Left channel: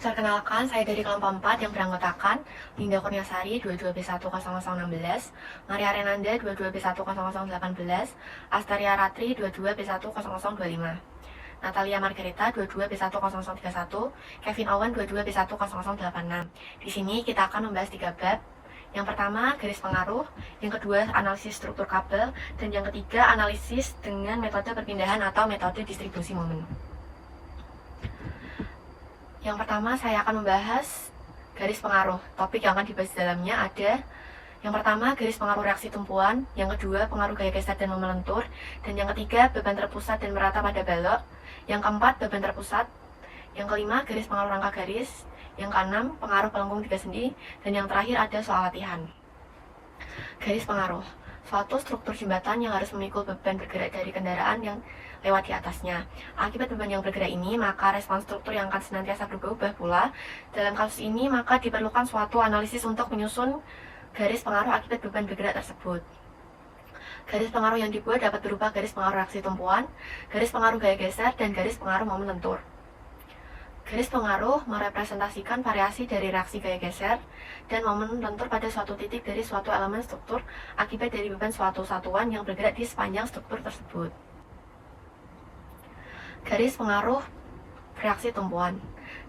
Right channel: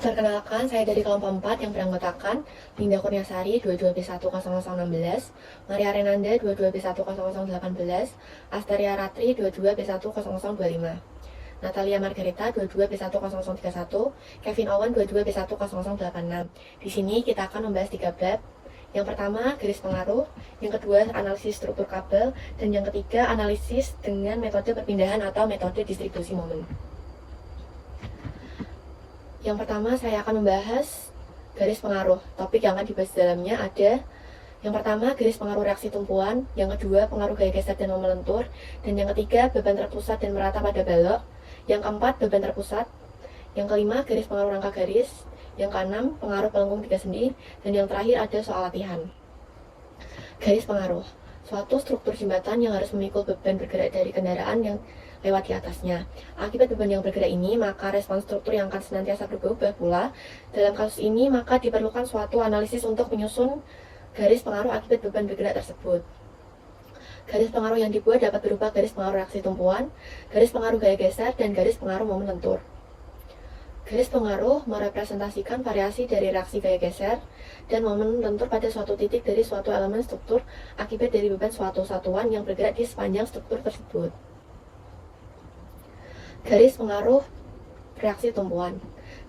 Perkenalkan, saya dari kelompok 4 yang beranggotakan Linda Kurniasari 22B10016, Maria Renanda 22B10018, Asteria Ratri 22B10025, Natalia Margarita 22B10031, Kevin Owen 22B10086. Di sini kita akan membahas 3 bab. Yang pertama, garis pengaruh, yang kedua, analisis struktur kabel, dan yang ketiga, analisis dengan metode perpindahan atau metode distribusi momen. Yang pertama, saya akan membahas garis pengaruh. Topik yang akan dibahas di dalamnya ada yang pertama, garis pengaruh reaksi tumpuan, yang kedua, pengaruh gaya geser dan momen lentur, dan yang ketiga, beban terpusat dan merata pada balok, yang keempat, beban terpusat, yang kelima, garis pengaruh rangka garis, yang keenam, pengaruh pelengkung tiga sendi, dan yang terakhir ada soal latihan. Garis pengaruh, suatu struktur jembatan yang harus memikul beban bergerak dari kendaraan yang lewat di atasnya. Akibat beban yang bergerak ini, maka respons struktur yang akan senantiasa berubah pula. Dalam kasus ini, maka diperlukan suatu analisis untuk menyusun garis pengaruh akibat beban bergerak tersebut. Garis pengaruh yang dibuat dapat berupa garis pengaruh reaksi tumpuan, garis pengaruh gaya geser, dan garis pengaruh momen lentur. Garis pengaruh merepresentasikan variasi dari reaksi gaya geser dan momen lentur pada suatu titik dari suatu elemen struktur akibat dari beban suatu satuan yang bergerak di sepanjang struktur tersebut. Garis pengaruh reaksi tumpuan.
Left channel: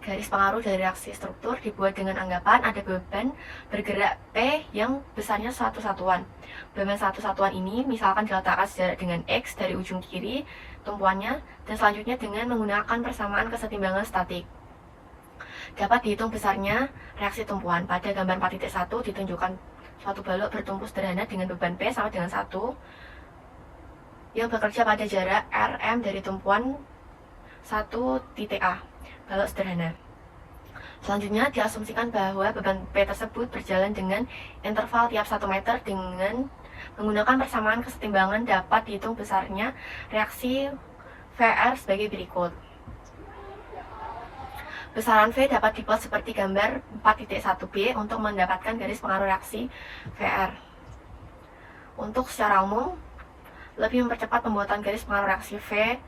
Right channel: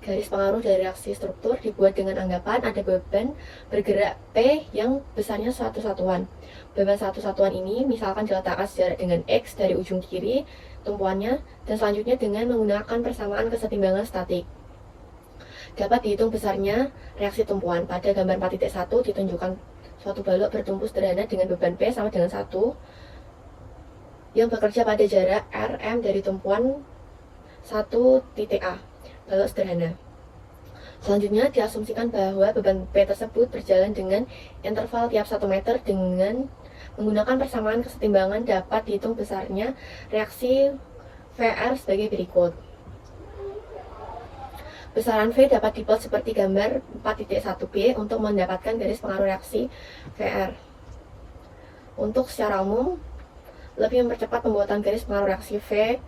Garis pengaruh dari reaksi struktur dibuat dengan anggapan ada beban bergerak P yang besarnya suatu satuan. Beban satu satuan ini misalkan diletakkan sejarak dengan X dari ujung kiri tumpuannya, dan selanjutnya dengan menggunakan persamaan kesetimbangan statik. Dapat dihitung besarnya reaksi tumpuan. Pada gambar 4.1 ditunjukkan suatu balok bertumpu sederhana dengan beban P sama dengan 1 yang bekerja pada jarak RM dari tumpuan 1.A, balok sederhana. Selanjutnya diasumsikan bahwa beban P tersebut berjalan dengan interval tiap 1 meter. Dengan menggunakan persamaan kesetimbangan dapat dihitung besarnya reaksi VR sebagai berikut. Besaran V dapat dibuat seperti gambar 4.1b untuk mendapatkan garis pengaruh reaksi VR. Untuk secara umum, lebih mempercepat pembuatan garis pengaruh reaksi V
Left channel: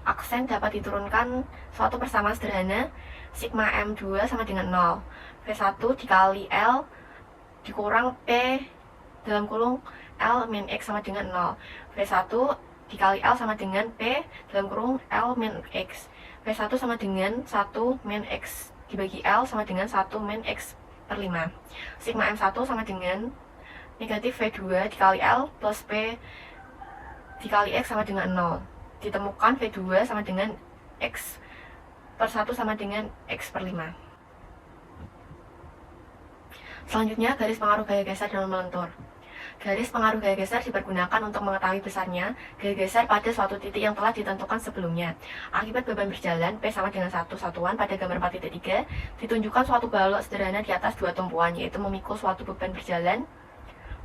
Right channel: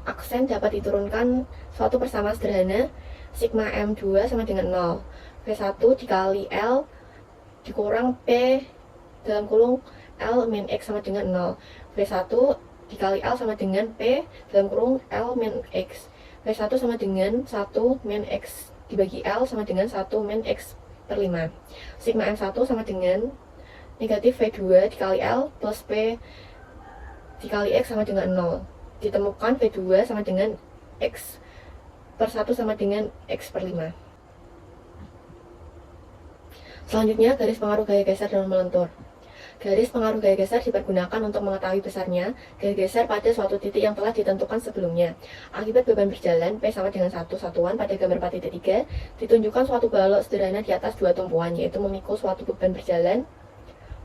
aksen dapat diturunkan suatu persamaan sederhana sigma M2 sama dengan 0. V1 dikali L dikurang P dalam kurung L min X sama dengan 0. V1 dikali L sama dengan P dalam kurung L min X. V1 sama dengan 1 min X dibagi L sama dengan 1 min X per 5. Sigma M1 sama dengan negatif V2 dikali L plus P dikali X sama dengan 0. Ditemukan V2 sama dengan X per 1 sama dengan X per 5. Selanjutnya, garis pengaruh gaya geser dan momen lentur. Garis pengaruh gaya geser dipergunakan untuk mengetahui besarnya gaya geser pada suatu titik yang telah ditentukan sebelumnya. Akibat beban berjalan, P sama dengan 1 satuan pada gambar 4.3, ditunjukkan suatu balok sederhana di atas dua tumpuan, yaitu memikul suatu beban berjalan.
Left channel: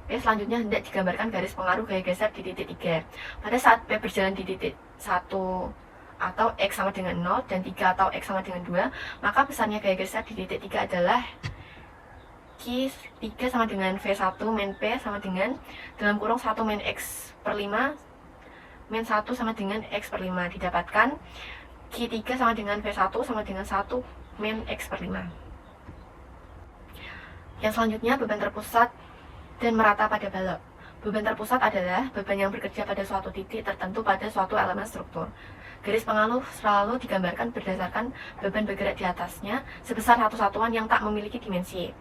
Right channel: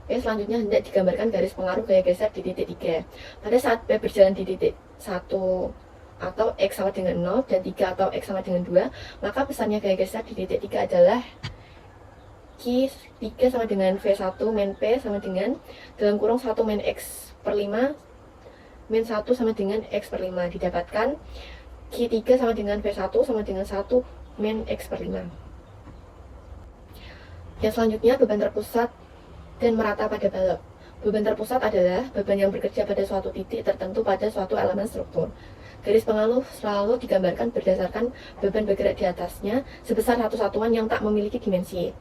P selanjutnya hendak digambarkan garis pengaruh gaya geser di titik 3. Pada saat P berjalan di titik 1 atau X sama dengan 0 dan 3 atau X sama dengan 2, maka besarnya gaya geser di titik 3 adalah Q3 sama dengan V1 min P sama dengan dalam kurung 1 min X per 5 min 1 sama dengan X per 5. Didapatkan Q3 sama dengan V1 sama dengan 1 min X per 5. Yang selanjutnya, beban terpusat dan merata pada balok. Beban terpusat adalah beban yang bekerja pada suatu titik tertentu pada suatu elemen struktur. Garis pengaruh selalu digambarkan berdasarkan beban bergerak di atasnya sebesar satu satuan yang tak memiliki dimensi.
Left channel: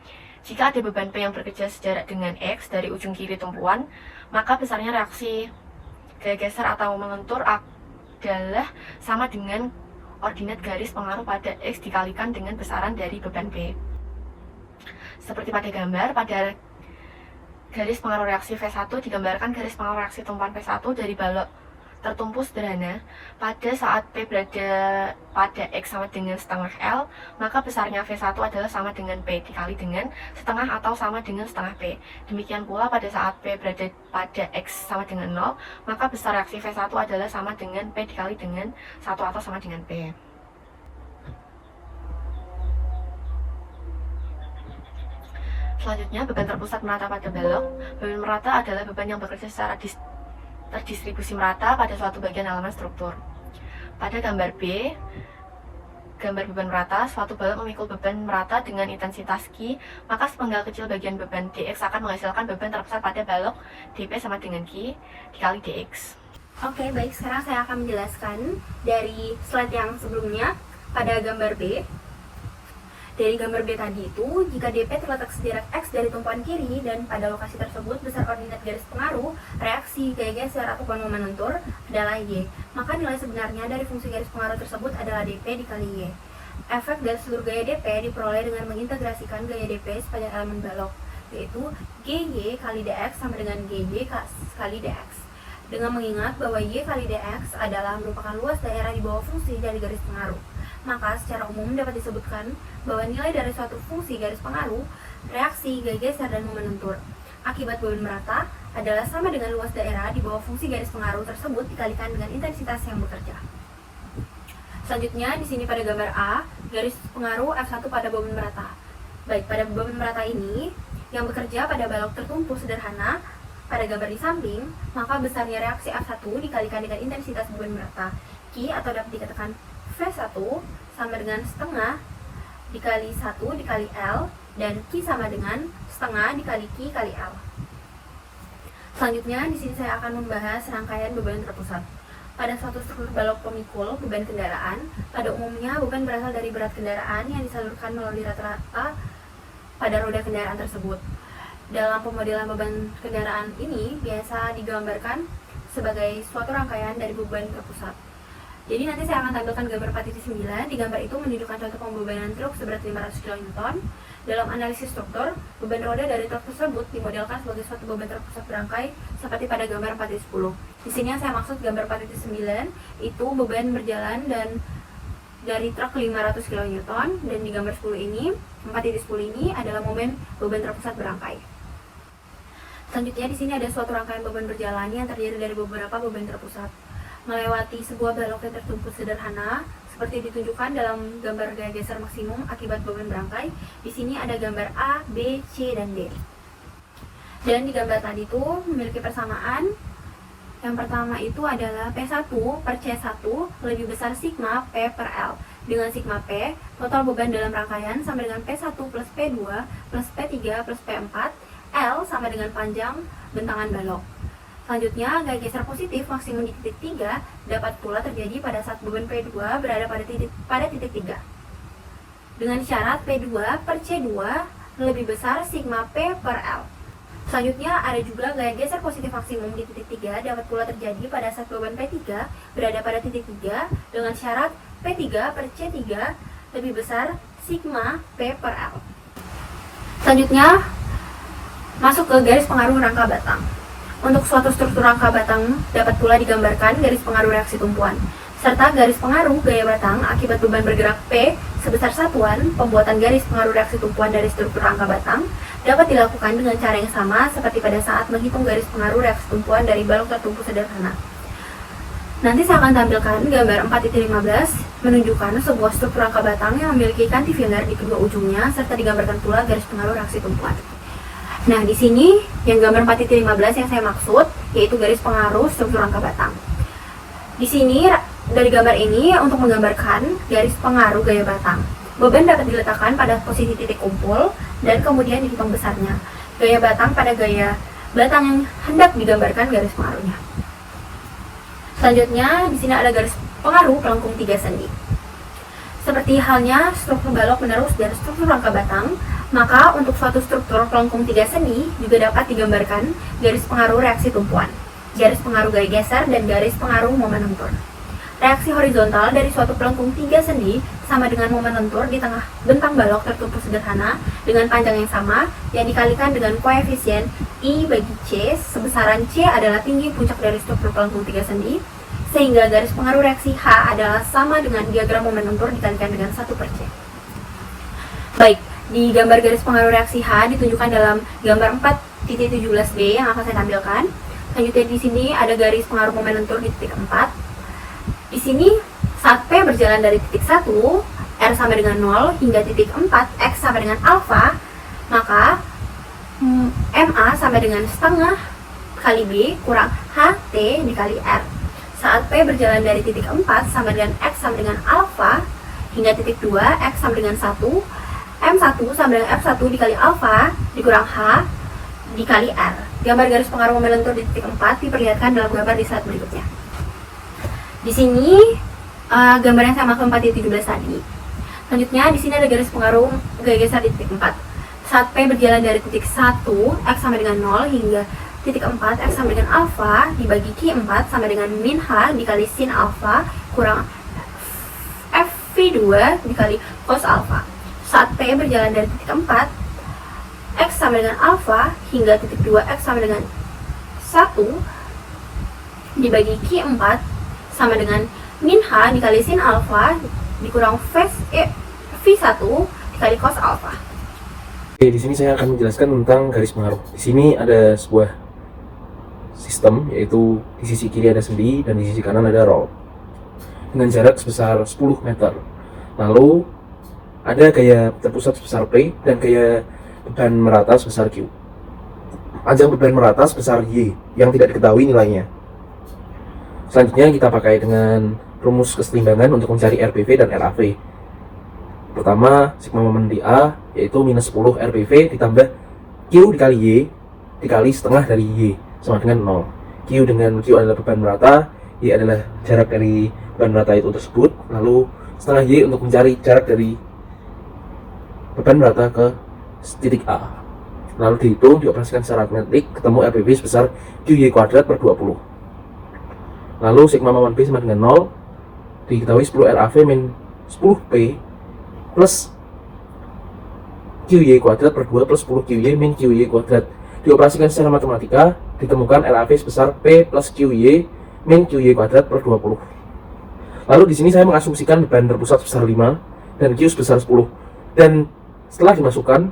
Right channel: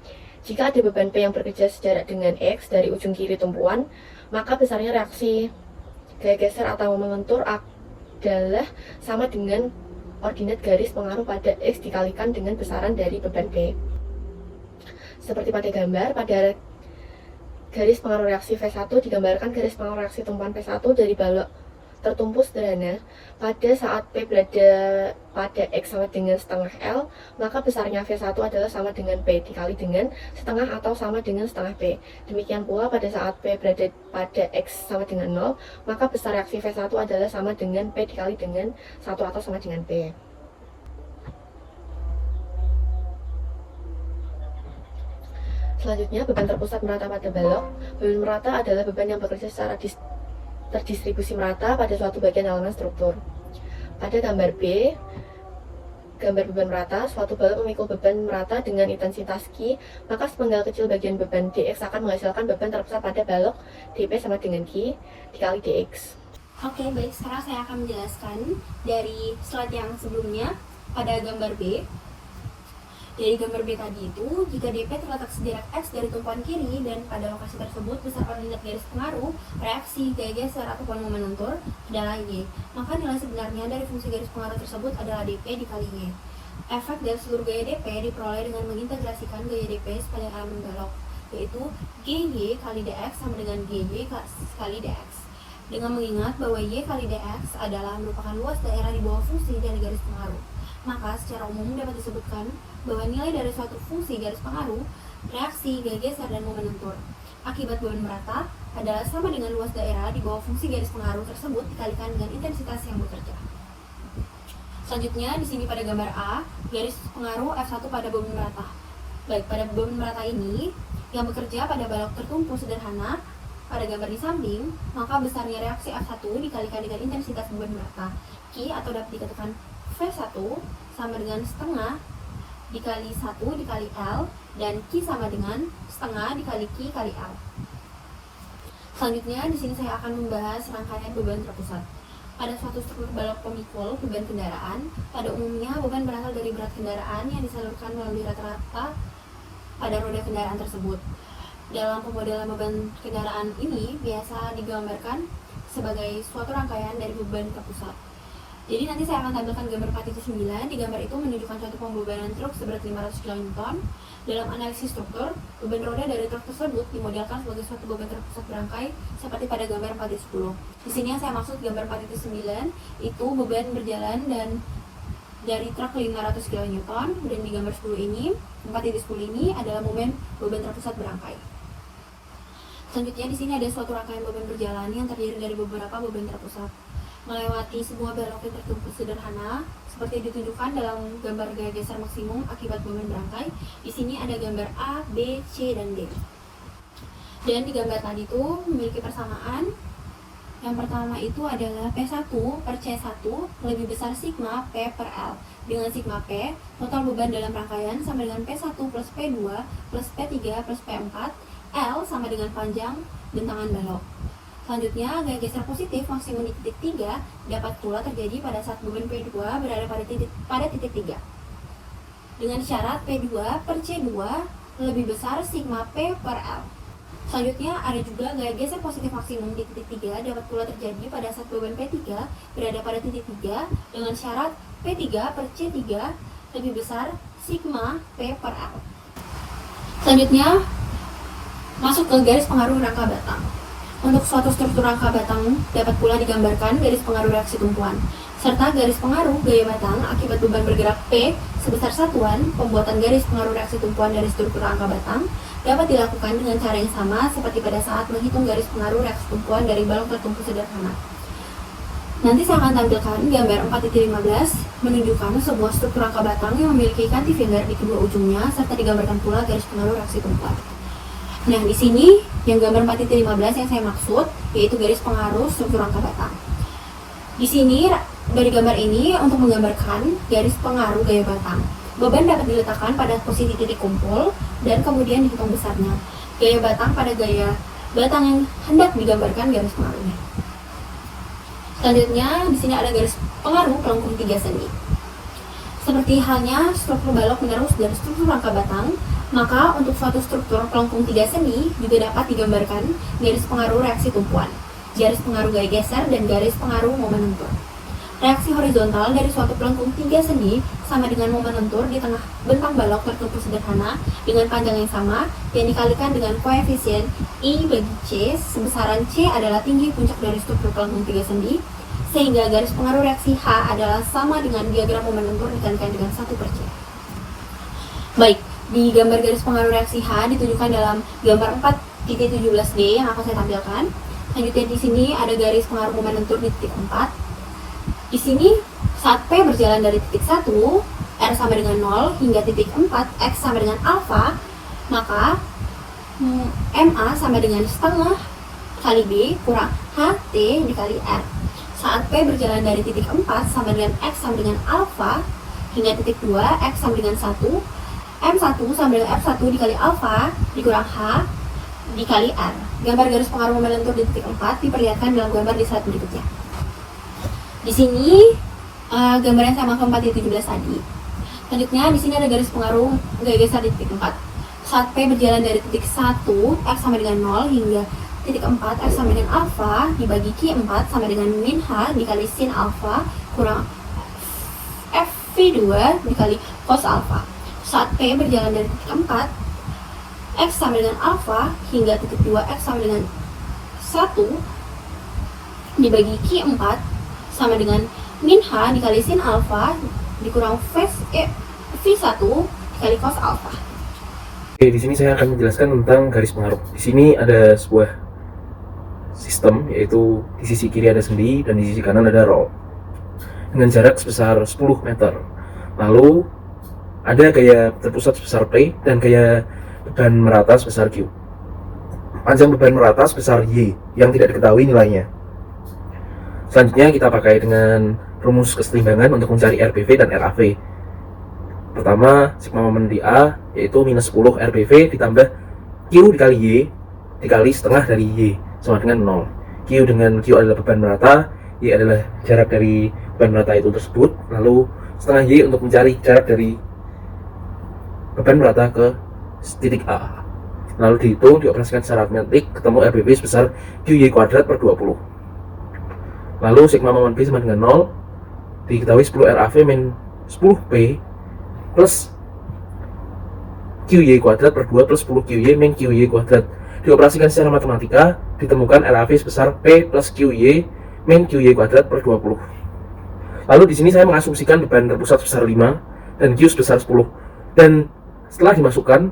Jika ada beban P yang bekerja sejarak dengan X dari ujung kiri tumpuan, maka besarnya reaksi gaya geser atau melentur adalah sama dengan ordinat garis pengaruh pada X dikalikan dengan besaran dari beban P. Seperti pada gambar, pada garis pengaruh reaksi V1 digambarkan garis pengaruh reaksi tumpuan P1 dari balok tertumpu sederhana. Pada saat P berada pada X sama dengan setengah L, maka besarnya V1 adalah sama dengan P dikali dengan setengah atau sama dengan setengah P. Demikian pula pada saat P berada pada X sama dengan 0, maka besar reaksi V1 adalah sama dengan P dikali dengan 1 atau sama dengan P. Selanjutnya, beban terpusat merata pada balok. Beban merata adalah beban yang bekerja secara terdistribusi merata pada suatu bagian elemen struktur. Pada gambar B, gambar beban merata, suatu balok memikul beban merata dengan intensitas Q, maka sepenggal kecil bagian beban dx akan menghasilkan beban terpusat pada balok dp sama dengan Q dikali dx. Oke, baik. Sekarang saya akan menjelaskan dari slide yang sebelumnya pada gambar B. Dari gambar B tadi itu, jika DP terletak sederek X dari tumpuan kiri dan pada lokasi tersebut besar koordinat garis pengaruh, reaksi, gaya geser, ataupun momen lentur adalah Y. Maka nilai sebenarnya dari fungsi garis pengaruh tersebut adalah DP dikali Y. Efek dari seluruh gaya DP diperoleh dengan mengintegrasikan gaya DP sepanjang elemen balok, yaitu GY kali DX sama dengan GY kali DX. Dengan mengingat bahwa Y kali DX adalah merupakan luas daerah di bawah fungsi dari garis pengaruh, maka secara umum dapat disebutkan bahwa nilai dari suatu fungsi garis pengaruh, reaksi, gaya geser, dan momen lentur akibat beban merata adalah sama dengan luas daerah di bawah fungsi garis pengaruh tersebut dikalikan dengan intensitas yang bekerja. Selanjutnya di sini pada gambar A, garis pengaruh F1 pada beban merata. Baik, pada beban merata ini yang bekerja pada balok tertumpu sederhana pada gambar di samping, maka besarnya reaksi F1 dikalikan dengan intensitas beban merata Q, atau dapat dikatakan V1 sama dengan setengah dikali 1 dikali L, dan Q sama dengan setengah dikali Q kali L. Selanjutnya di sini saya akan membahas rangkaian beban terpusat. Pada suatu struktur balok pemikul beban kendaraan, pada umumnya beban berasal dari berat kendaraan yang disalurkan melalui rata-rata pada roda kendaraan tersebut. Dalam pemodelan beban kendaraan ini biasa digambarkan sebagai suatu rangkaian dari beban terpusat. Jadi nanti saya akan tampilkan gambar 4.9. Di gambar itu menunjukkan contoh pembebanan truk seberat 500 kN. Dalam analisis struktur, beban roda dari truk tersebut dimodelkan sebagai suatu beban terpusat berangkai seperti pada gambar 4.10. Di sini yang saya maksud gambar 4.9 itu beban berjalan dan dari truk 500 kN, dan di gambar 10 ini, 4.10 ini adalah momen beban terpusat berangkai. Selanjutnya di sini ada suatu rangkaian beban berjalan yang terdiri dari beberapa beban terpusat melewati sebuah balok yang tertumpu sederhana seperti ditunjukkan dalam gambar gaya geser maksimum akibat beban berangkai. Di sini ada gambar A, B, C, dan D. Dan di gambar tadi itu memiliki persamaan. Yang pertama itu adalah P1 per C1 lebih besar sigma P per L. Dengan sigma P, total beban dalam rangkaian sama dengan P1 plus P2 plus P3 plus P4, L sama dengan panjang bentangan balok. Selanjutnya, gaya geser positif maksimum di titik 3 dapat pula terjadi pada saat beban P2 berada pada titik 3. Dengan syarat P2 per C2 lebih besar sigma P per L. Selanjutnya, ada juga gaya geser positif maksimum di titik 3 dapat pula terjadi pada saat beban P3 berada pada titik 3 dengan syarat P3 per C3 lebih besar sigma P per L. Selanjutnya, masuk ke garis pengaruh rangka batang. Untuk suatu struktur rangka batang dapat pula digambarkan garis pengaruh reaksi tumpuan, serta garis pengaruh gaya batang akibat beban bergerak P sebesar satuan pembuatan garis pengaruh reaksi tumpuan dari struktur rangka batang dapat dilakukan dengan cara yang sama seperti pada saat menghitung garis pengaruh reaksi tumpuan dari balok tertumpu sederhana. Nanti saya akan tampilkan gambar 4.15 menunjukkan sebuah struktur rangka batang yang memiliki cantilever di kedua ujungnya serta digambarkan pula garis pengaruh reaksi tumpuan. Nah, di sini yang gambar 4.15 yang saya maksud yaitu garis pengaruh struktur rangka batang. Di sini dari gambar ini untuk menggambarkan garis pengaruh gaya batang. Beban dapat diletakkan pada posisi titik kumpul dan kemudian dihitung besarnya. Gaya batang pada gaya batang yang hendak digambarkan garis pengaruhnya. Selanjutnya di sini ada garis pengaruh pelengkung 3 sendi. Seperti halnya struktur balok menerus dan struktur rangka batang, maka untuk suatu struktur pelengkung 3 sendi juga dapat digambarkan garis pengaruh reaksi tumpuan, garis pengaruh gaya geser, dan garis pengaruh momen lentur. Reaksi horizontal dari suatu pelengkung 3 sendi sama dengan momen lentur di tengah bentang balok tertumpu sederhana dengan panjang yang sama yang dikalikan dengan koefisien I bagi C, sebesaran C adalah tinggi puncak dari struktur pelengkung 3 sendi, sehingga garis pengaruh reaksi H adalah sama dengan diagram momen lentur dikalikan dengan 1 per C. Baik, di gambar garis pengaruh reaksi H ditunjukkan dalam gambar 4.17D yang akan saya tampilkan. Selanjutnya di sini ada garis pengaruh momen lentur di titik 4. Di sini saat P berjalan dari titik 1, R sama dengan 0 hingga titik 4, X sama dengan alfa, maka MA sama dengan setengah kali B kurang HT dikali R. Saat P berjalan dari titik 4 sama dengan X sama dengan alfa hingga titik 2 X sama dengan 1, M1 sama dengan F1 dikali alfa dikurang H dikali R. Gambar garis pengaruh momen lentur di titik 4 diperlihatkan dalam gambar di slide berikutnya. Di sini gambar yang sama ke 4.17 tadi. Selanjutnya di sini ada garis pengaruh gaya geser di titik 4. Saat P berjalan dari titik 1 X sama dengan 0 hingga titik 4 X sama dengan alfa dibagi Q4 sama dengan min H dikali sin alfa kurang F2 dikali cos alfa. Saat P berjalan dari titik 4 X sama dengan alfa hingga titik 2 X sama dengan 1 dibagi Q4 sama dengan min H dikali sin alfa dikurang V1 dikali cos alfa. Oke, di sini saya akan menjelaskan tentang garis pengaruh. Di sini ada sebuah sistem, yaitu di sisi kiri ada sendi dan di sisi kanan ada roll dengan jarak sebesar 10 meter. Lalu ada gaya terpusat sebesar P dan gaya beban merata sebesar Q. Panjang beban merata sebesar Y yang tidak diketahui nilainya. Selanjutnya kita pakai dengan rumus kesetimbangan untuk mencari RPV dan RAV. Pertama, sigma momen di A yaitu minus 10 RPV ditambah Q dikali Y dikali setengah dari Y sama dengan 0. Q dengan Q adalah beban merata, Y adalah jarak dari beban merata itu tersebut, lalu setengah Y untuk mencari jarak dari beban merata ke titik A. Lalu dihitung, dioperasikan secara aritmetik, ketemu RPV sebesar QY kuadrat per 20. Lalu sigma momen B sama dengan 0, diketahui 10 RAV min 10P plus QY kuadrat per 2 plus 10 QY min QY kuadrat. Dioperasikan secara matematika, ditemukan RAV sebesar P plus QY min QY kuadrat per 20. Lalu di sini saya mengasumsikan beban terpusat sebesar 5 dan Q sebesar 10. Dan setelah dimasukkan,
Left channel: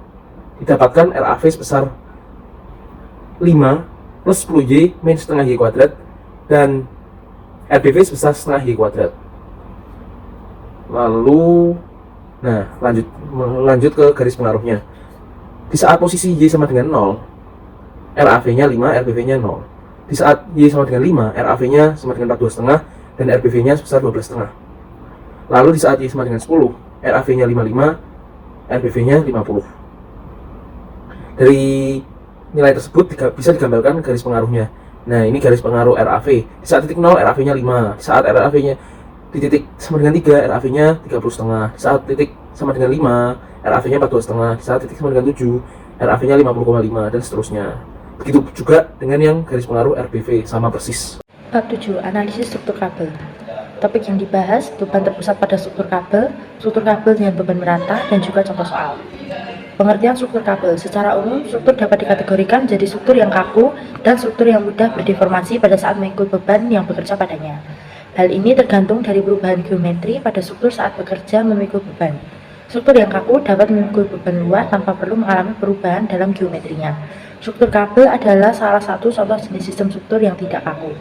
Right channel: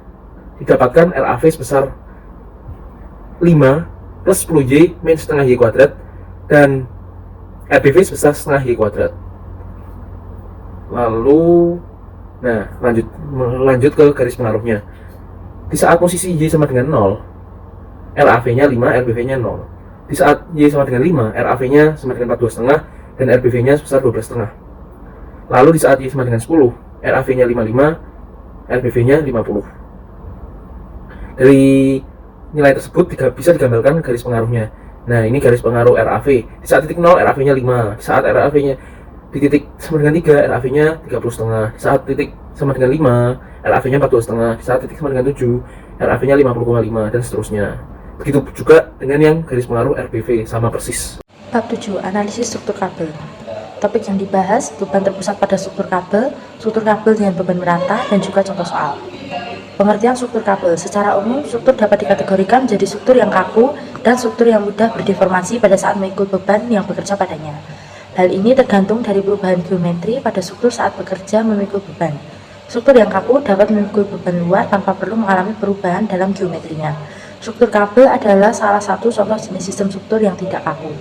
didapatkan RAV sebesar 5 plus 10Y min setengah Y kuadrat dan RPV sebesar setengah Y kuadrat. Lalu lanjut ke garis pengaruhnya. Di saat posisi Y sama dengan 0, RAV-nya 5, RPV-nya 0. Di saat Y sama dengan 5, RAV-nya sama dengan 42,5 dan RPV-nya sebesar 12,5. Lalu di saat Y sama dengan 10, RAV-nya 55, RPV-nya 50. Dari nilai tersebut bisa digambarkan garis pengaruhnya. Nah, ini garis pengaruh RAV. Di saat titik 0, RAV-nya 5. Di saat RAV-nya di titik sama dengan 3, RAV-nya 30,5. Di saat titik sama dengan 5, RAV-nya 42,5. Di saat titik sama dengan 7, RAV-nya 50,5 dan seterusnya. Begitu juga dengan yang garis pengaruh RPV, sama persis. Bab 7. Analisis struktur kabel. Topik yang dibahas, beban terpusat pada struktur kabel dengan beban merata, dan juga contoh soal. Pengertian struktur kabel. Secara umum, struktur dapat dikategorikan menjadi struktur yang kaku dan struktur yang mudah berdeformasi pada saat mengikut beban yang bekerja padanya. Hal ini tergantung dari perubahan geometri pada struktur saat bekerja memikul beban. Struktur yang kaku dapat memikul beban luar tanpa perlu mengalami perubahan dalam geometrinya. Struktur kabel adalah salah satu contoh jenis sistem struktur yang tidak kaku.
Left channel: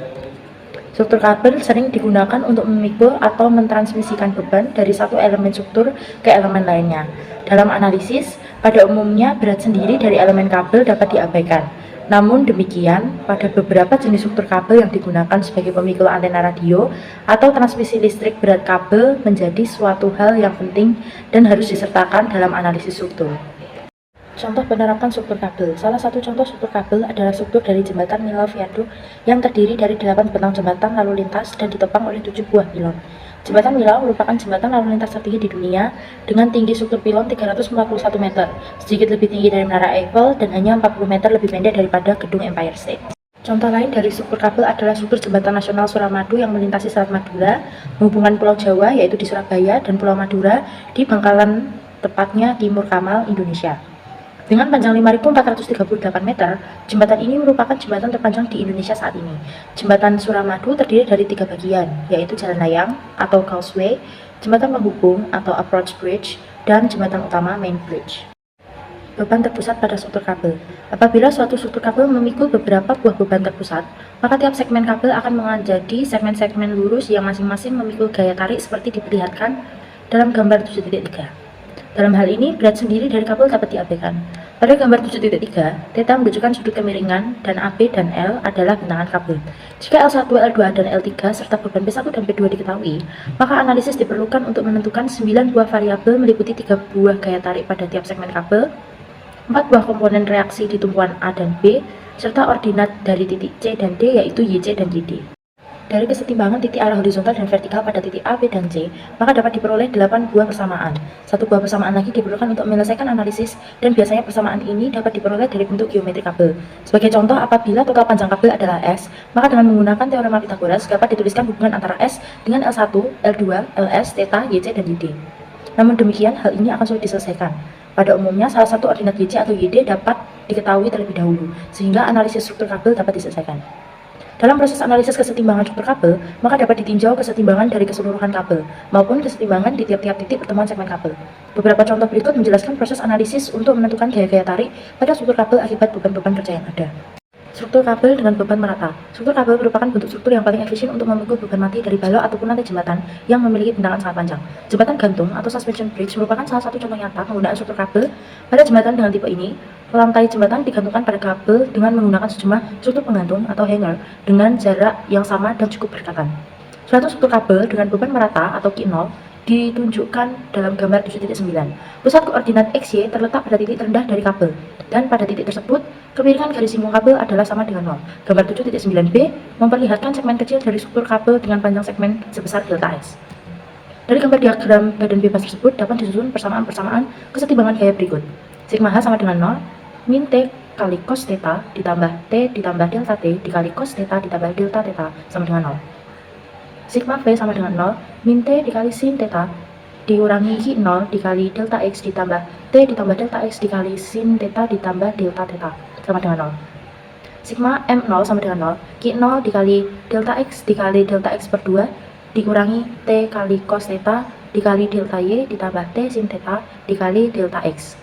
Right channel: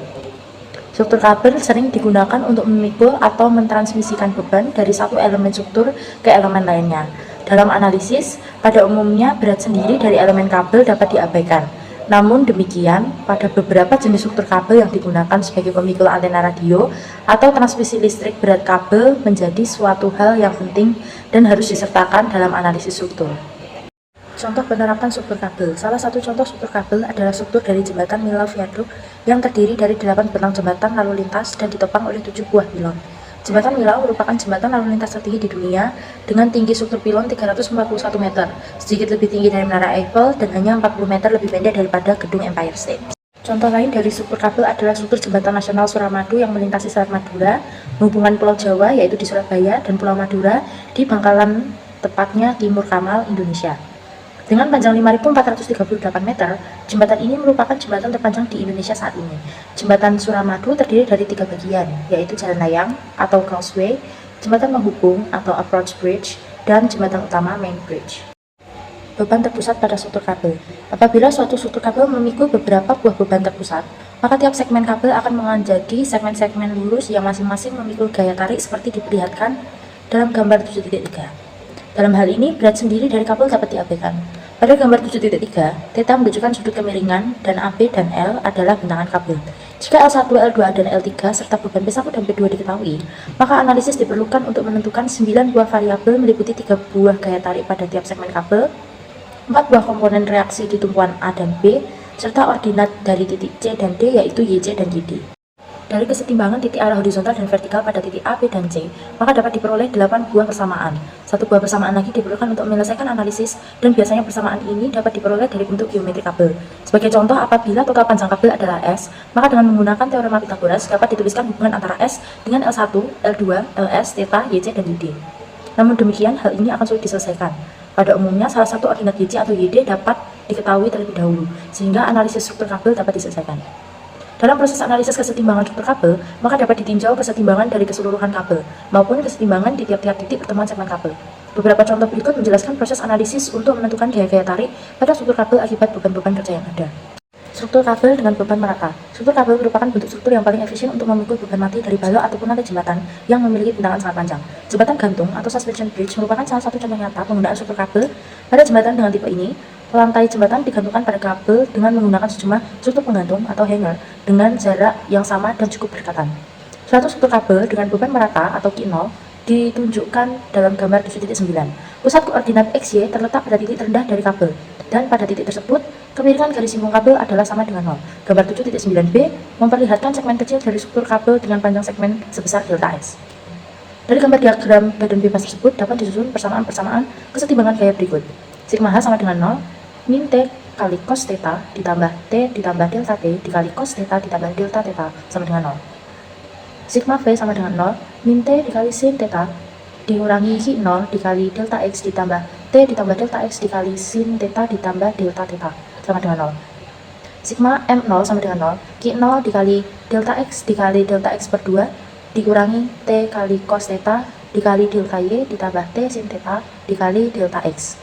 Struktur kabel sering digunakan untuk memikul atau mentransmisikan beban dari satu elemen struktur ke elemen lainnya. Dalam analisis, pada umumnya berat sendiri dari elemen kabel dapat diabaikan. Namun demikian, pada beberapa jenis struktur kabel yang digunakan sebagai pemikul antena radio atau transmisi listrik, berat kabel menjadi suatu hal yang penting dan harus disertakan dalam analisis struktur. Contoh penerapan struktur kabel. Salah satu contoh struktur kabel adalah struktur dari jembatan Nilau Viaduk yang terdiri dari 8 bentang jembatan lalu lintas dan ditopang oleh 7 buah pilon. Jembatan Nilau merupakan jembatan lalu lintas tertinggi di dunia dengan tinggi struktur pilon 341 meter, sedikit lebih tinggi dari Menara Eiffel dan hanya 40 meter lebih pendek daripada gedung Empire State. Contoh lain dari struktur kabel adalah struktur Jembatan Nasional Suramadu yang melintasi Selat Madura, menghubungkan Pulau Jawa yaitu di Surabaya dan Pulau Madura di Bangkalan, tepatnya Timur Kamal, Indonesia. Dengan panjang 5.438 meter, jembatan ini merupakan jembatan terpanjang di Indonesia saat ini. Jembatan Suramadu terdiri dari 3 bagian, yaitu jalan layang atau causeway, jembatan penghubung atau approach bridge, dan jembatan utama main bridge. Beban terpusat pada struktur kabel. Apabila suatu struktur kabel memikul beberapa buah beban terpusat, maka tiap segmen kabel akan menjadi segmen-segmen lurus yang masing-masing memikul gaya tarik seperti diperlihatkan dalam gambar 7.3. Dalam hal ini, berat sendiri dari kabel dapat diabaikan. Pada gambar 7.3, theta menunjukkan sudut kemiringan dan AB dan L adalah bentangan kabel. Jika L1, L2, dan L3 serta beban P1 dan P2 diketahui, maka analisis diperlukan untuk menentukan 9 buah variabel meliputi 3 buah gaya tarik pada tiap segmen kabel, 4 buah komponen reaksi di tumpuan A dan B, serta ordinat dari titik C dan D yaitu YC dan YD. Dari kesetimbangan titik arah horizontal dan vertikal pada titik A, B, dan C, maka dapat diperoleh 8 buah persamaan. 1 buah persamaan lagi diperlukan untuk menyelesaikan analisis, dan biasanya persamaan ini dapat diperoleh dari bentuk geometri kabel. Sebagai contoh, apabila total panjang kabel adalah S, maka dengan menggunakan teorema Pythagoras dapat dituliskan hubungan antara S dengan L1, L2, Ls, theta, YC, dan YD. Namun demikian, hal ini akan sulit diselesaikan. Pada umumnya, salah satu ordinat YC atau YD dapat diketahui terlebih dahulu, sehingga analisis struktur kabel dapat diselesaikan. Dalam proses analisis kesetimbangan struktur kabel, maka dapat ditinjau kesetimbangan dari keseluruhan kabel, maupun kesetimbangan di tiap-tiap titik pertemuan segmen kabel. Beberapa contoh berikut menjelaskan proses analisis untuk menentukan gaya-gaya tarik pada struktur kabel akibat beban-beban kerja yang ada. Struktur kabel dengan beban merata. Struktur kabel merupakan bentuk struktur yang paling efisien untuk memukul beban mati dari balok ataupun lantai jembatan yang memiliki bentangan sangat panjang. Jembatan gantung atau suspension bridge merupakan salah satu contoh nyata penggunaan struktur kabel pada jembatan dengan tipe ini. Lantai jembatan digantungkan pada kabel dengan menggunakan sejumlah struktur penggantung atau hanger dengan jarak yang sama dan cukup berdekatan. Suatu struktur kabel dengan beban merata atau Q0 ditunjukkan dalam gambar 7.9. Pusat koordinat XY terletak pada titik terendah dari kabel, dan pada titik tersebut, kemiringan garis singgung kabel adalah sama dengan 0. Gambar 7.9b memperlihatkan segmen kecil dari struktur kabel dengan panjang segmen sebesar delta S. Dari gambar diagram badan bebas tersebut dapat disusun persamaan-persamaan kesetimbangan gaya berikut. Sigma H sama dengan 0, min T kali cos theta ditambah T ditambah delta T dikali cos theta ditambah delta theta sama dengan 0. Sigma V sama dengan 0, min T dikali sin theta dikurangi Q0 dikali delta X ditambah T ditambah delta X dikali sin theta ditambah delta theta sama dengan 0. Sigma M0 sama dengan 0, Q0 dikali delta X dikali delta X per 2 dikurangi T kali cos theta dikali delta Y ditambah T sin theta dikali delta X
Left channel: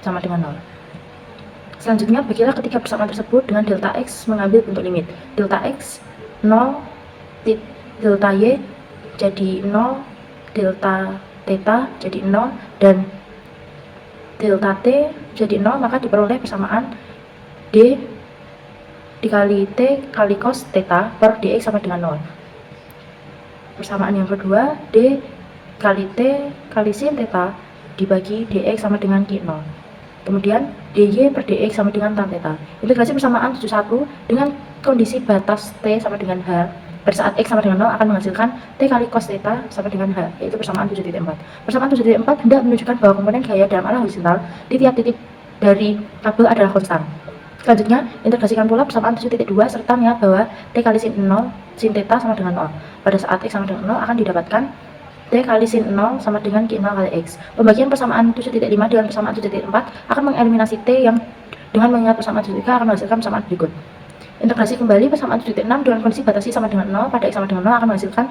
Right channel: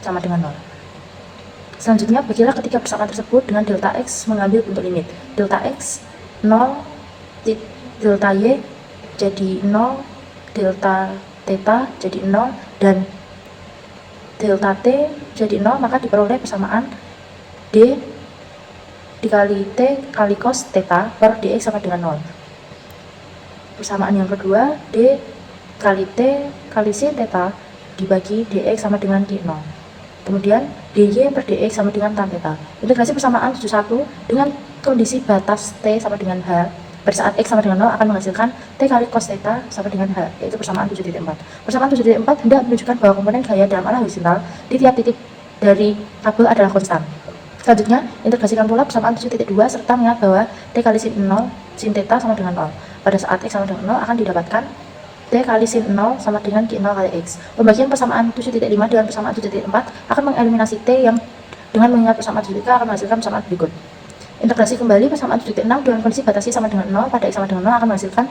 sama dengan 0. Selanjutnya, bagilah ketiga persamaan tersebut dengan delta X mengambil bentuk limit. Delta X 0, delta Y jadi 0, delta theta jadi 0, dan delta T jadi 0, maka diperoleh persamaan D dikali T kali cos theta per dx sama dengan 0. Persamaan yang kedua, D kali T kali sin theta dibagi dx sama dengan Q0. Kemudian dy per dx sama dengan tan theta. Integrasi persamaan 71 dengan kondisi batas t sama dengan h pada saat x sama dengan 0 akan menghasilkan t kali cos theta sama dengan h, yaitu persamaan 7.4. Persamaan 7.4 hendak menunjukkan bahwa komponen gaya dalam arah horizontal di tiap titik dari kabel adalah konstan. Selanjutnya, integrasikan pula persamaan 7.2 serta mengingat bahwa t kali sin 0 sin theta sama dengan 0. Pada saat x sama dengan 0 akan didapatkan T kali sin 0 sama dengan Q0 kali X. Pembagian persamaan 7.5 dengan persamaan 7.4 akan mengeliminasi T yang dengan mengingat persamaan 7.3 akan menghasilkan persamaan berikut. Integrasi kembali persamaan 7.6 dengan kondisi batasi sama dengan 0 pada X sama dengan 0 akan menghasilkan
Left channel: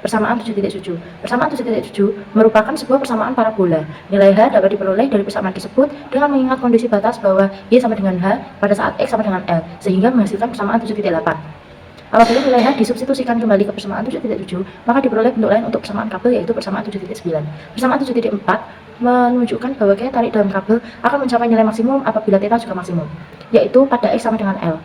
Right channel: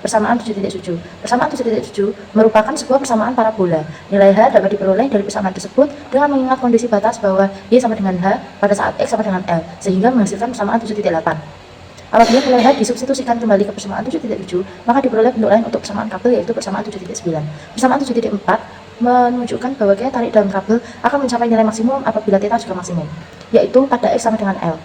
persamaan 7.7. Persamaan 7.7 merupakan sebuah persamaan parabola. Nilai H dapat diperoleh dari persamaan tersebut dengan mengingat kondisi batas bahwa Y sama dengan H pada saat X sama dengan L, sehingga menghasilkan persamaan 7.8. Apabila nilai H disubstitusikan kembali ke persamaan 7.7, maka diperoleh bentuk lain untuk persamaan kabel yaitu persamaan 7.9. Persamaan 7.4 menunjukkan bahwa gaya tarik dalam kabel akan mencapai nilai maksimum apabila theta juga maksimum, yaitu pada X sama dengan L.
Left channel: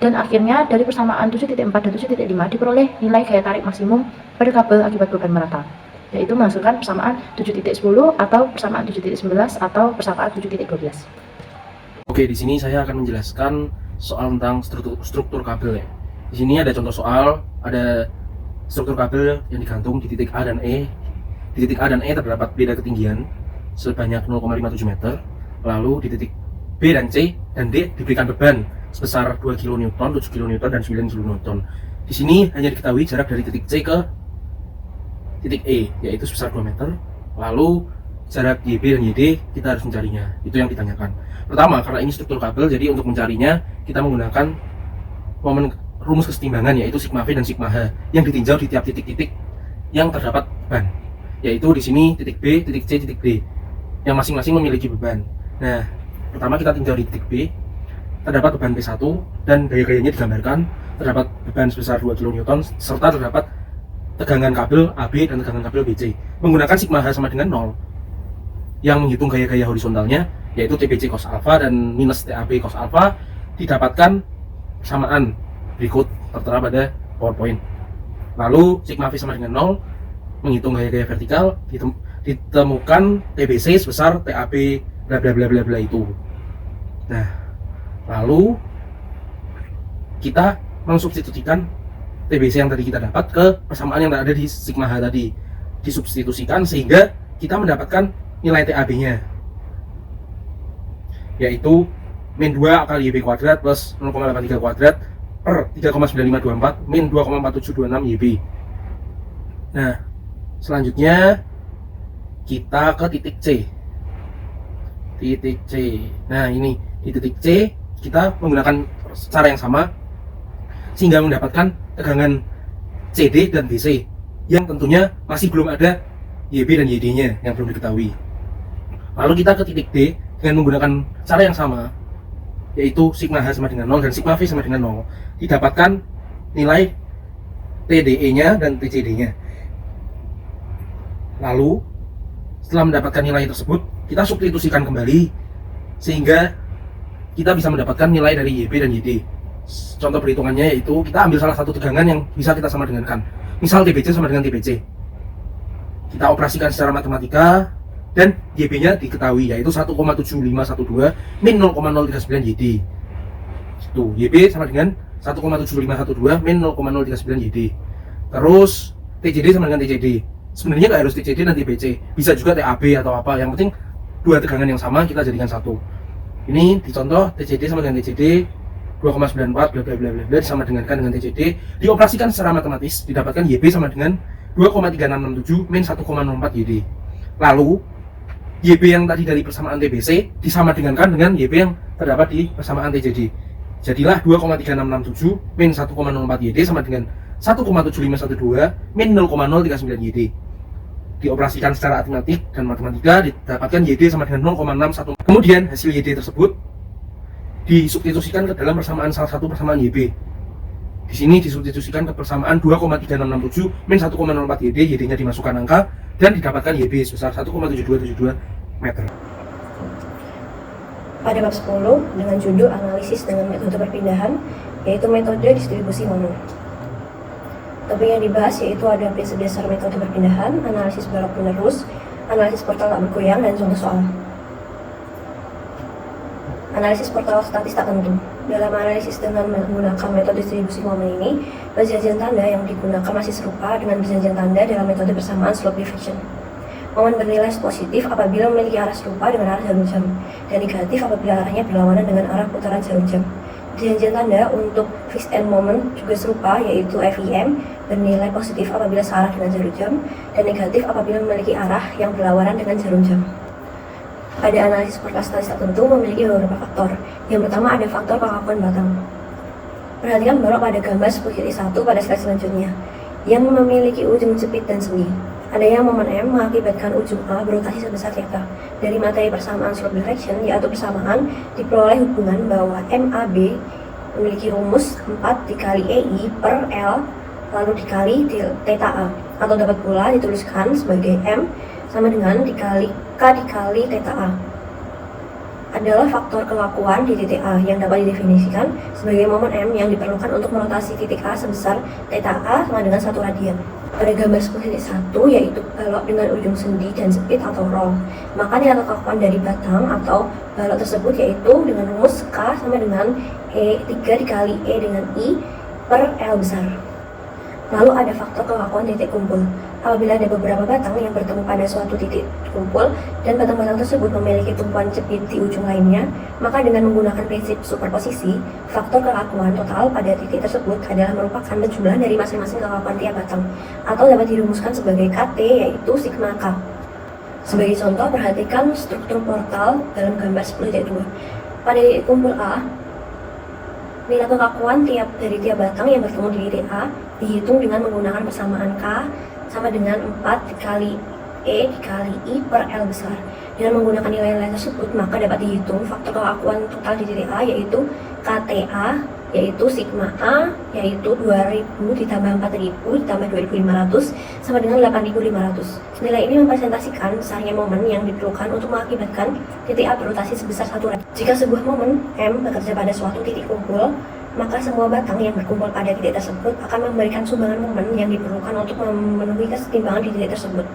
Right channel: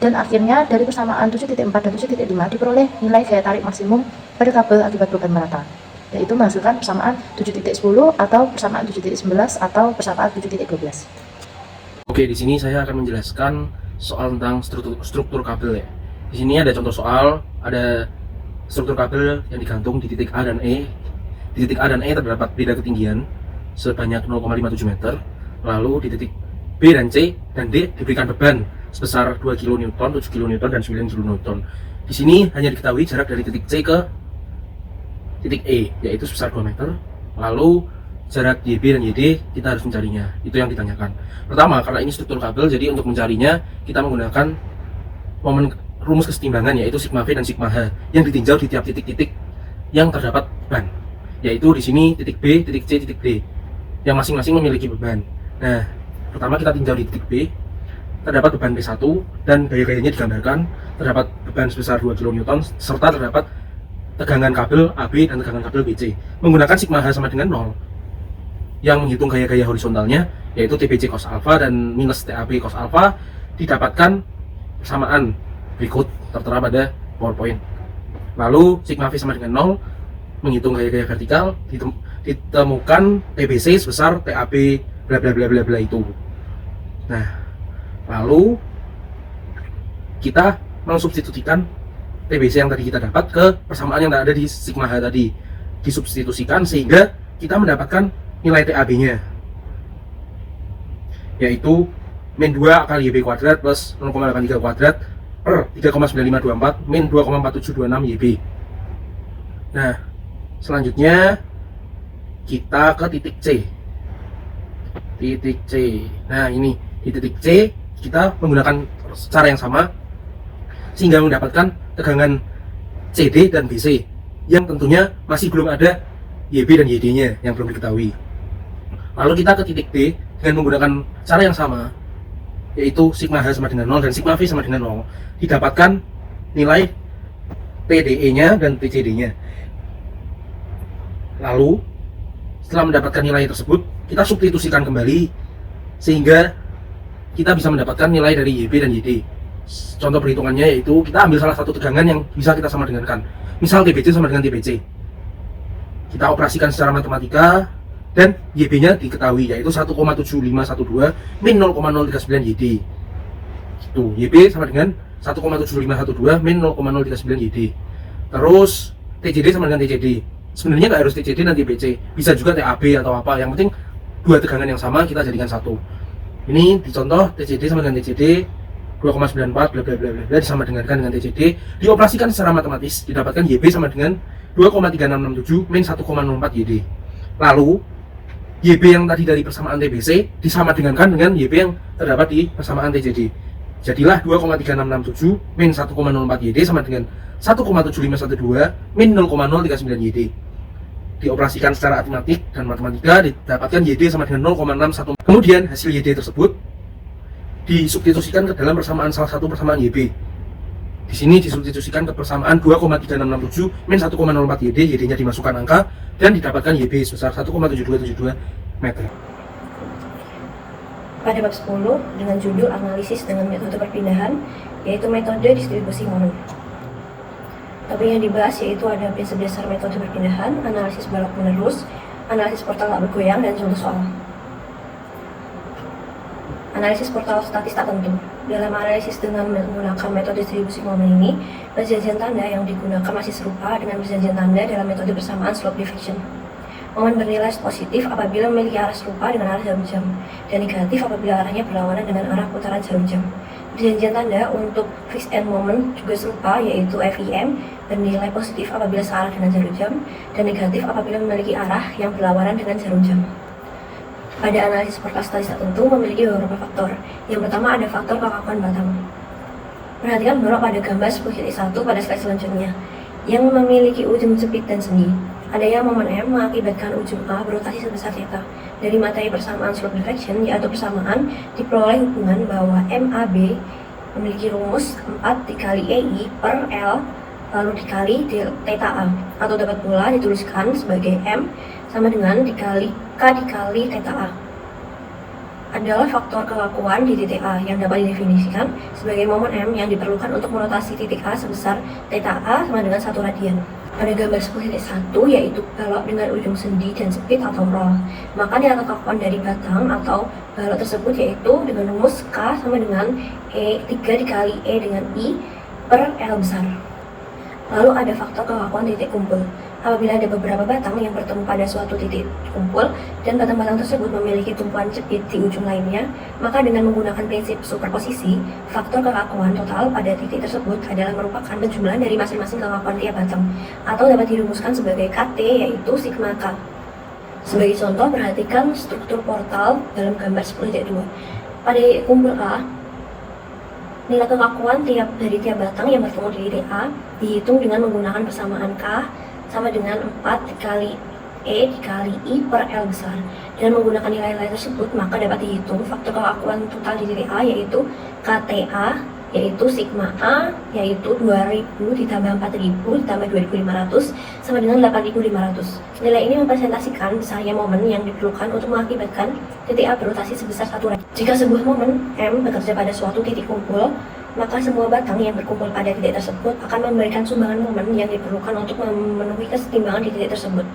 Dan akhirnya dari persamaan 7.4 dan 7.5 diperoleh nilai gaya tarik maksimum pada kabel akibat beban merata, yaitu menghasilkan persamaan 7.10 atau persamaan 7.11 atau persamaan 7.12. Oke, di sini saya akan menjelaskan soal tentang struktur kabel ya. Di sini ada contoh soal, ada struktur kabel yang digantung di titik A dan E. Di titik A dan E terdapat beda ketinggian sebanyak 0,57 meter. Lalu di titik B dan C dan D diberikan beban sebesar 2 kN, 7 kN, dan 9 kN. Di sini hanya diketahui jarak dari titik C ke titik E, yaitu sebesar 2 meter. Lalu jarak YB dan YD kita harus mencarinya. Itu yang ditanyakan. Pertama, karena ini struktur kabel, jadi untuk mencarinya kita menggunakan rumus kesetimbangan, yaitu sigma V dan sigma H yang ditinjau di tiap titik-titik yang terdapat beban, yaitu di sini titik B, titik C, titik D yang masing-masing memiliki beban. Nah, pertama kita tinjau di titik B, terdapat beban P1 dan gaya-gayanya digambarkan. Terdapat beban sebesar 2 kN serta terdapat tegangan kabel AB dan tegangan kabel BC. Menggunakan sigma H sama dengan 0 yang menghitung gaya-gaya horizontalnya, yaitu TBC cos alfa dan minus TAB cos alfa didapatkan persamaan berikut tertera pada PowerPoint. Lalu sigma V sama dengan 0, menghitung gaya-gaya vertikal, ditemukan TBC sebesar TAB bla bla bla bla bla itu. Nah, lalu kita mensubstitusikan TBC yang tadi kita dapat ke persamaan yang ada di sigma H tadi, disubstitusikan sehingga kita mendapatkan nilai TAB-nya, yaitu min 2 kali YB kuadrat plus 0,83 kuadrat per 3,9524 min 2,4726 YB. Nah, selanjutnya kita ke titik C. Titik C. Nah, ini di titik C kita menggunakan cara yang sama sehingga mendapatkan tegangan CD dan BC yang tentunya masih belum ada YB dan YD-nya yang belum diketahui. Lalu kita ke titik D dengan menggunakan cara yang sama, yaitu sigma H sama dengan 0 dan sigma V sama dengan 0, didapatkan nilai TDE-nya dan TCD-nya. Lalu setelah mendapatkan nilai tersebut, kita substitusikan kembali sehingga kita bisa mendapatkan nilai dari YB dan YD. Contoh perhitungannya yaitu kita ambil salah satu tegangan yang bisa kita sama dengankan. Misal TBC sama dengan TBC. Kita operasikan secara matematika dan YB-nya diketahui yaitu 1,7512 min 0,039 YD. Gitu. YB sama dengan 1,7512 min 0,039 YD. Terus TJD sama dengan TCD. Sebenarnya nggak harus TCD dan TBC, bisa juga TAB atau apa. Yang penting dua tegangan yang sama kita jadikan satu. Ini dicontoh TCD sama dengan TCD 2,94 bla bla bla bla disama dengankan dengan TCD, dioperasikan secara matematis didapatkan YB sama dengan 2,3667 min 1,04 YD. Lalu YB yang tadi dari persamaan TBC disama dengankan dengan YB yang terdapat di persamaan TCD. Jadilah 2,3667 min 1,04 YD sama dengan 1,7512 min 0,039 YD. Dioperasikan secara aritmatik dan matematika didapatkan YD sama dengan 0,61. Kemudian hasil YD tersebut disubstitusikan ke dalam persamaan salah satu persamaan YB. Di sini disubstitusikan ke persamaan 2,3667 min 1,04 YD, YD-nya dimasukkan angka dan didapatkan YB sebesar 1,7272 meter. Pada bab 10 dengan judul analisis dengan metode perpindahan, yaitu metode distribusi momen. Topik yang dibahas yaitu ada prinsip dasar metode perpindahan, analisis balok penerus, analisis portal tak bergoyang, dan contoh soal. Analisis portal statis tak tentu. Dalam analisis dengan menggunakan metode distribusi momen ini, perjanjian tanda yang digunakan masih serupa dengan perjanjian tanda dalam metode persamaan slope diffraction. Momen bernilai positif apabila memiliki arah serupa dengan arah jarum jam, dan negatif apabila arahnya berlawanan dengan arah putaran jarum jam. Perjanjian tanda untuk fixed end moment juga serupa, yaitu FIM bernilai positif apabila searah dengan jarum jam dan negatif apabila memiliki arah yang berlawanan dengan jarum jam. Pada analisis portal statis tertentu memiliki beberapa faktor. Yang pertama ada faktor kekakuan batang. Perhatikan balok pada gambar 10.1 pada slide selanjutnya yang memiliki ujung jepit dan sendi. Adanya momen M mengakibatkan ujung A berotasi sebesar θ. Dari materi persamaan slope diffraction, yaitu persamaan, diperoleh hubungan bahwa MAB memiliki rumus 4 dikali EI per L lalu dikali θA, atau dapat pula dituliskan sebagai M sama dengan dikali K dikali θA. Adalah faktor kekakuan di titik A yang dapat didefinisikan sebagai momen M yang diperlukan untuk merotasi titik A sebesar θA sama dengan 1 radian. Pada gambar 10.1 yaitu balok dengan ujung sendi dan jepit atau roll, maka nilai kekakuan dari batang atau balok tersebut yaitu dengan rumus K sama dengan E3 dikali E dengan I per L besar. Lalu ada faktor kekakuan titik kumpul. Apabila ada beberapa batang yang bertemu pada suatu titik kumpul dan batang-batang tersebut memiliki tumpuan jepit di ujung lainnya, maka dengan menggunakan prinsip superposisi, faktor kekakuan total pada titik tersebut adalah merupakan penjumlahan dari masing-masing kekakuan tiap batang, atau dapat dirumuskan sebagai KT, yaitu sigma K. Sebagai contoh, perhatikan struktur portal dalam gambar 10.2. Pada titik kumpul A, nilai kekakuan dari tiap batang yang bertemu di titik A dihitung dengan menggunakan persamaan K sama dengan 4 dikali E dikali I per L besar. Dengan menggunakan nilai-nilai tersebut, maka dapat dihitung faktor keakuan total di titik A, yaitu KTA, yaitu sigma A, yaitu 2000 ditambah 4000 ditambah 2500 sama dengan 8500. Nilai ini mempresentasikan besarnya momen yang diperlukan untuk mengakibatkan titik A berotasi sebesar 1 radian. Jika sebuah momen M bekerja pada suatu titik kumpul, maka semua batang yang berkumpul pada titik tersebut akan memberikan sumbangan momen yang diperlukan untuk memenuhi kesetimbangan di titik tersebut.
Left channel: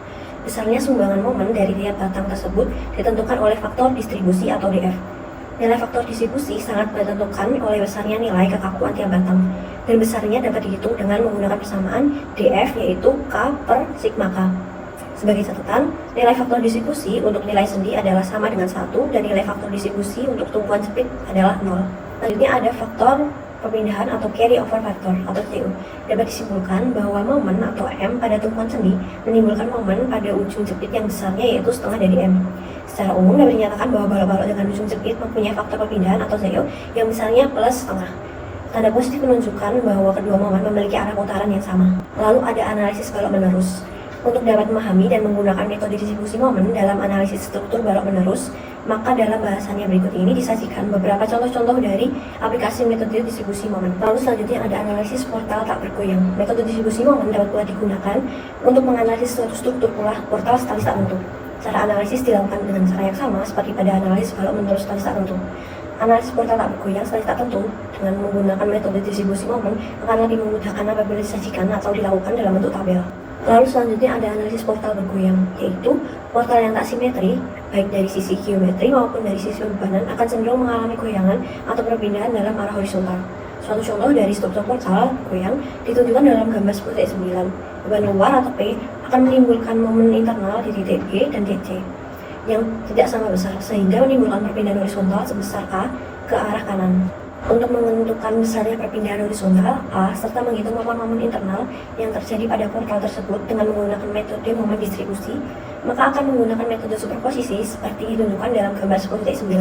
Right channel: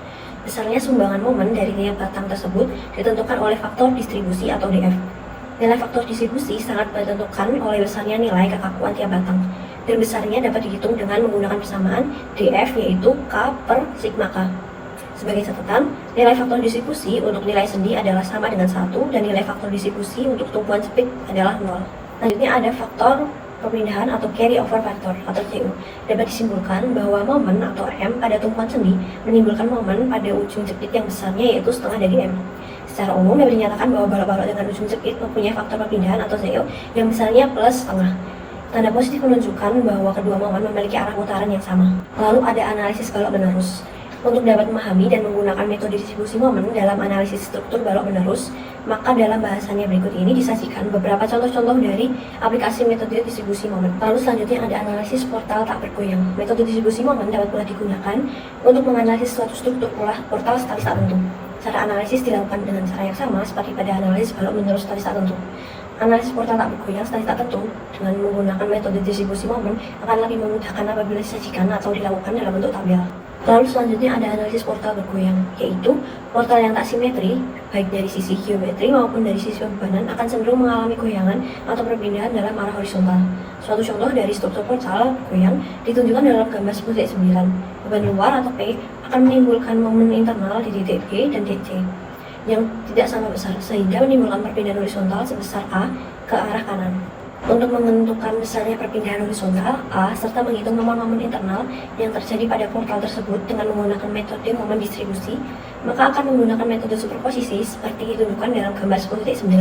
Besarnya sumbangan momen dari tiap batang tersebut ditentukan oleh faktor distribusi atau DF. Nilai faktor distribusi sangat ditentukan oleh besarnya nilai kekakuan tiap batang, dan besarnya dapat dihitung dengan menggunakan persamaan DF, yaitu K per sigma K. Sebagai catatan, nilai faktor distribusi untuk nilai sendi adalah sama dengan 1, dan nilai faktor distribusi untuk tumpuan cepit adalah 0. Selanjutnya ada faktor perpindahan atau carry over factor atau CU. Dapat disimpulkan bahwa momen atau M pada tumpuan sendi menimbulkan momen pada ujung jepit yang besarnya, yaitu setengah dari M. Secara umum dapat dinyatakan bahwa balok-balok dengan ujung jepit mempunyai faktor perpindahan atau CU yang besarnya plus setengah. Tanda positif menunjukkan bahwa kedua momen memiliki arah putaran yang sama. Lalu ada analisis balok menerus. Untuk dapat memahami dan menggunakan metode distribusi momen dalam analisis struktur balok menerus, maka dalam bahasannya berikut ini disajikan beberapa contoh-contoh dari aplikasi metode distribusi momen. Lalu selanjutnya ada analisis portal tak bergoyang. Metode distribusi momen dapat pula digunakan untuk menganalisis suatu struktur portal statis tak tentu. Cara analisis dilakukan dengan cara yang sama seperti pada analisis balok menerus statis tak tentu. Analisis portal tak bergoyang statis tak tentu dengan menggunakan metode distribusi momen akan lebih memudahkan apabila disajikan atau dilakukan dalam bentuk tabel. Lalu selanjutnya ada analisis portal bergoyang, yaitu portal yang tak simetri, baik dari sisi geometri maupun dari sisi bebanan, akan cenderung mengalami goyangan atau perpindahan dalam arah horizontal. Suatu contoh dari struktur portal goyang ditunjukkan dalam gambar 10.9. Beban luar atau P akan menimbulkan momen internal di titik B dan DC yang tidak sama besar, sehingga menimbulkan perpindahan horizontal sebesar A ke arah kanan. Untuk menentukan besarnya perpindahan horizontal A serta menghitung momen-momen internal yang terjadi pada portal tersebut dengan menggunakan metode momen distribusi, maka akan menggunakan metode superposisi seperti ditunjukkan dalam gambar 10.9.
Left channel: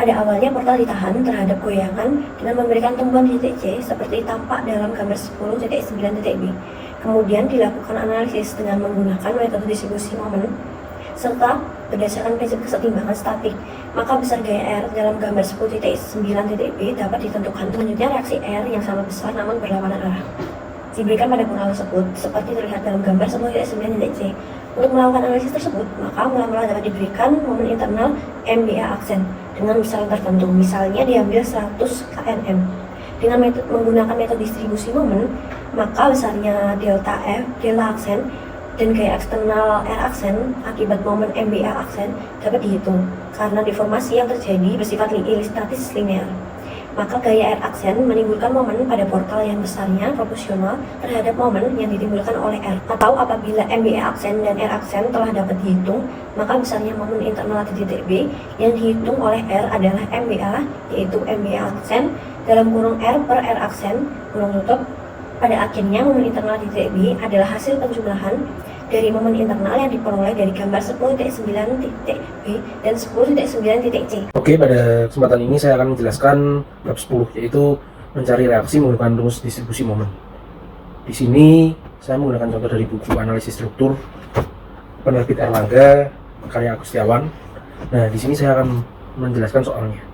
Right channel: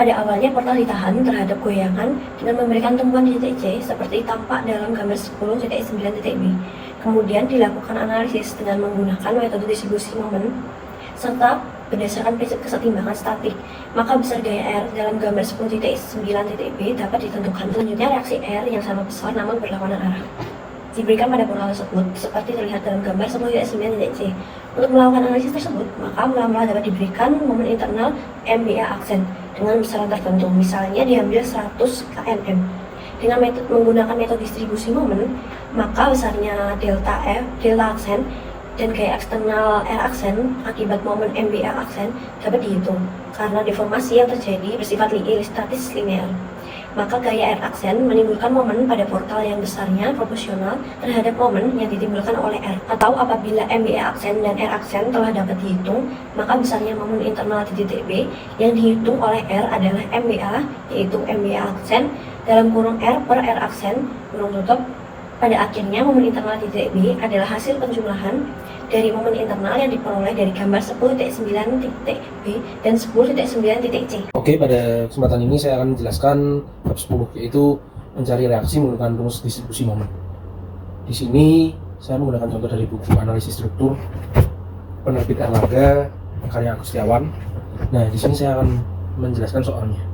Pada awalnya portal ditahan terhadap goyangan dengan memberikan tumpuan di titik C seperti tampak dalam gambar 10.9.b. Kemudian dilakukan analisis dengan menggunakan metode distribusi momen serta berdasarkan prinsip kesetimbangan statik, maka besar gaya R dalam gambar 10.9.b dapat ditentukan. Selanjutnya reaksi R yang sama besar namun berlawanan arah diberikan pada portal tersebut seperti terlihat dalam gambar 10.9.c. Untuk melakukan analisis tersebut, maka mula-mula dapat diberikan momen internal MBA aksen dengan besaran tertentu, misalnya diambil 100 kNm. Dengan menggunakan metode distribusi momen, maka besarnya delta F, delta aksen, dan gaya eksternal R aksen akibat momen MBA aksen dapat dihitung karena deformasi yang terjadi bersifat ilustratis linear. Maka gaya R aksen menimbulkan momen pada portal yang besarnya proporsional terhadap momen yang ditimbulkan oleh R. Atau apabila MBA aksen dan R aksen telah dapat dihitung, maka besarnya momen internal di titik B yang dihitung oleh R adalah MBA, yaitu MBA aksen dalam kurung R per R aksen kurung tutup. Pada akhirnya momen internal di titik B adalah hasil penjumlahan dari momen internal yang diperoleh dari gambar 10.9.b dan 10.9.c. Oke, pada kesempatan ini saya akan menjelaskan bab 10, yaitu mencari reaksi menggunakan rumus distribusi momen. Di sini saya menggunakan contoh dari buku analisis struktur penerbit Erlangga karya Agustiawan. Nah, di sini saya akan menjelaskan soalnya.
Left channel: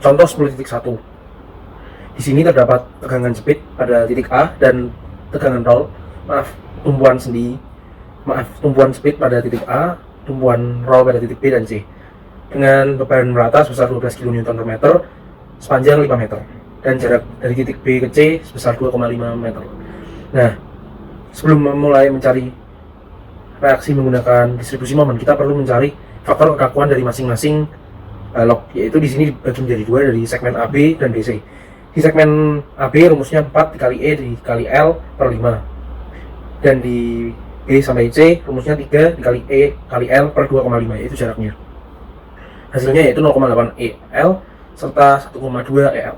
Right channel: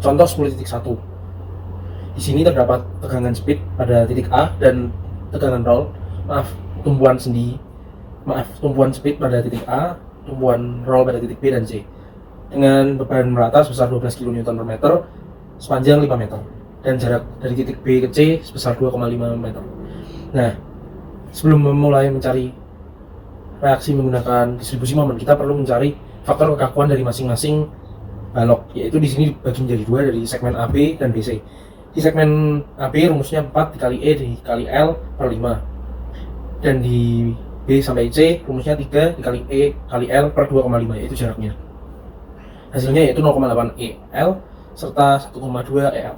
Contoh 10.1. Di sini terdapat tegangan jepit pada titik A dan tegangan tumpuan jepit pada titik A, tumpuan roll pada titik B dan C dengan beban merata sebesar 12 kN per meter sepanjang 5 meter dan jarak dari titik B ke C sebesar 2,5 meter. Nah, sebelum memulai mencari reaksi menggunakan distribusi momen, kita perlu mencari faktor kekakuan dari masing-masing balok, yaitu di sini dibagi menjadi dua dari segmen AB dan BC. Di segmen AB rumusnya 4 dikali E dikali L per 5, dan di B sampai C rumusnya 3 dikali E kali L per 2,5, yaitu jaraknya. Hasilnya yaitu 0,8 EL serta 1,2 EL.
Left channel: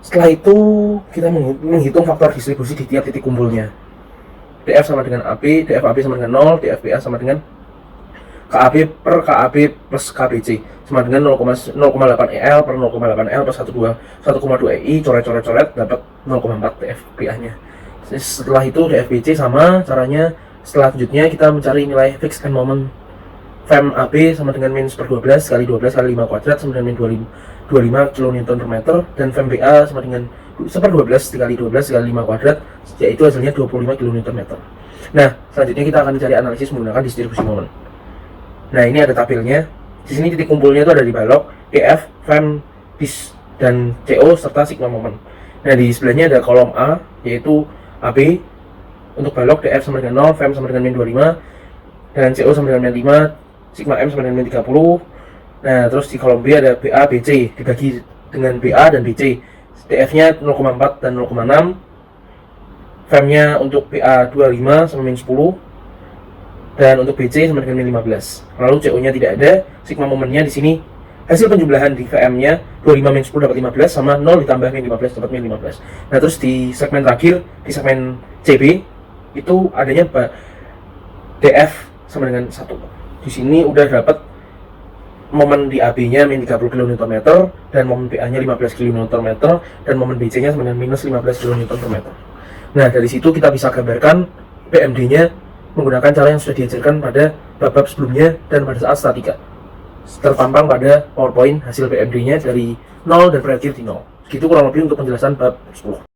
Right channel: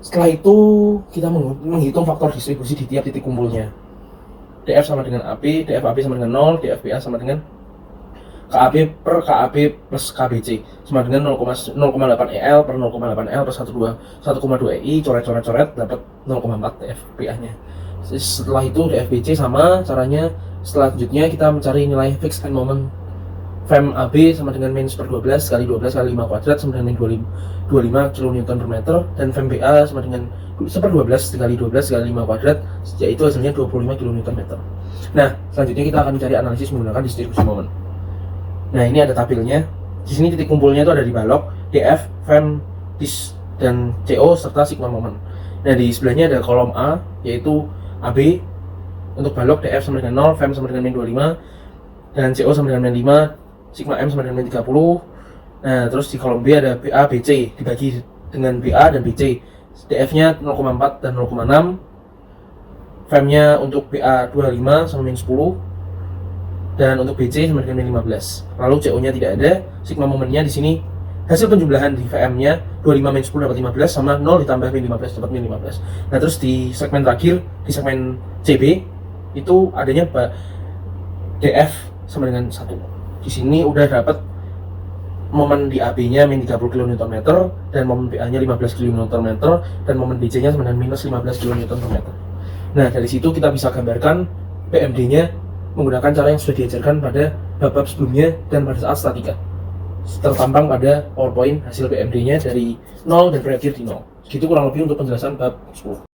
Setelah itu kita menghitung faktor distribusi di tiap titik kumpulnya. DF sama dengan AB, DFAB sama dengan 0, DFBA sama dengan KAB per KAB plus KBC sama dengan 0,8 EL per 0,8 L plus 1,2 EI, coret dapat 0,4 DFBA nya. Setelah itu DFBC sama caranya. Selanjutnya kita mencari nilai fixed end moment. Fem AB sama dengan min 1/12 kali 12 kali 5 kuadrat sama dengan min 25 kN per meter, dan Fem BA sama dengan 1/12 dikali 12 kali 5 kuadrat, yaitu hasilnya 25 kN per meter. Nah, selanjutnya kita akan mencari analisis menggunakan distribusi momen. Nah, ini ada tabelnya. Di sini titik kumpulnya itu ada di balok, DF, Fem, Dis, dan CO serta sigma momen. Nah, di sebelahnya ada kolom A, yaitu AB untuk balok, DF sama dengan 0, Fem sama dengan min 25, dan CO sama dengan min 5, sigma M sama dengan min 30. Nah, terus di kolom B ada BA, BC dibagi dengan BA dan BC. DF-nya 0,4 dan 0,6. Fem-nya untuk BA 25 sama min 10, dan untuk BC sama dengan min 15. Lalu CO-nya tidak ada. Sigma momennya di sini hasil penjumlahan di VM-nya 25 min 10 dapat 15 sama 0 ditambah min 15 dapat min 15. Nah, terus di segmen terakhir, di segmen CB itu adanya DF sama dengan 1. Di sini udah dapat momen di AB-nya min 30 kN dan momen BA-nya 15 kN dan momen BC-nya sama dengan minus 15 kN per meter. Nah, dari situ kita bisa gambarkan PMD-nya menggunakan cara yang sudah diajarkan pada bab-bab sebelumnya dan pada saat statika. Tertampang pada PowerPoint hasil PMD-nya dari 0 dan berakhir di 0. Segitu kurang lebih untuk penjelasan bab 10.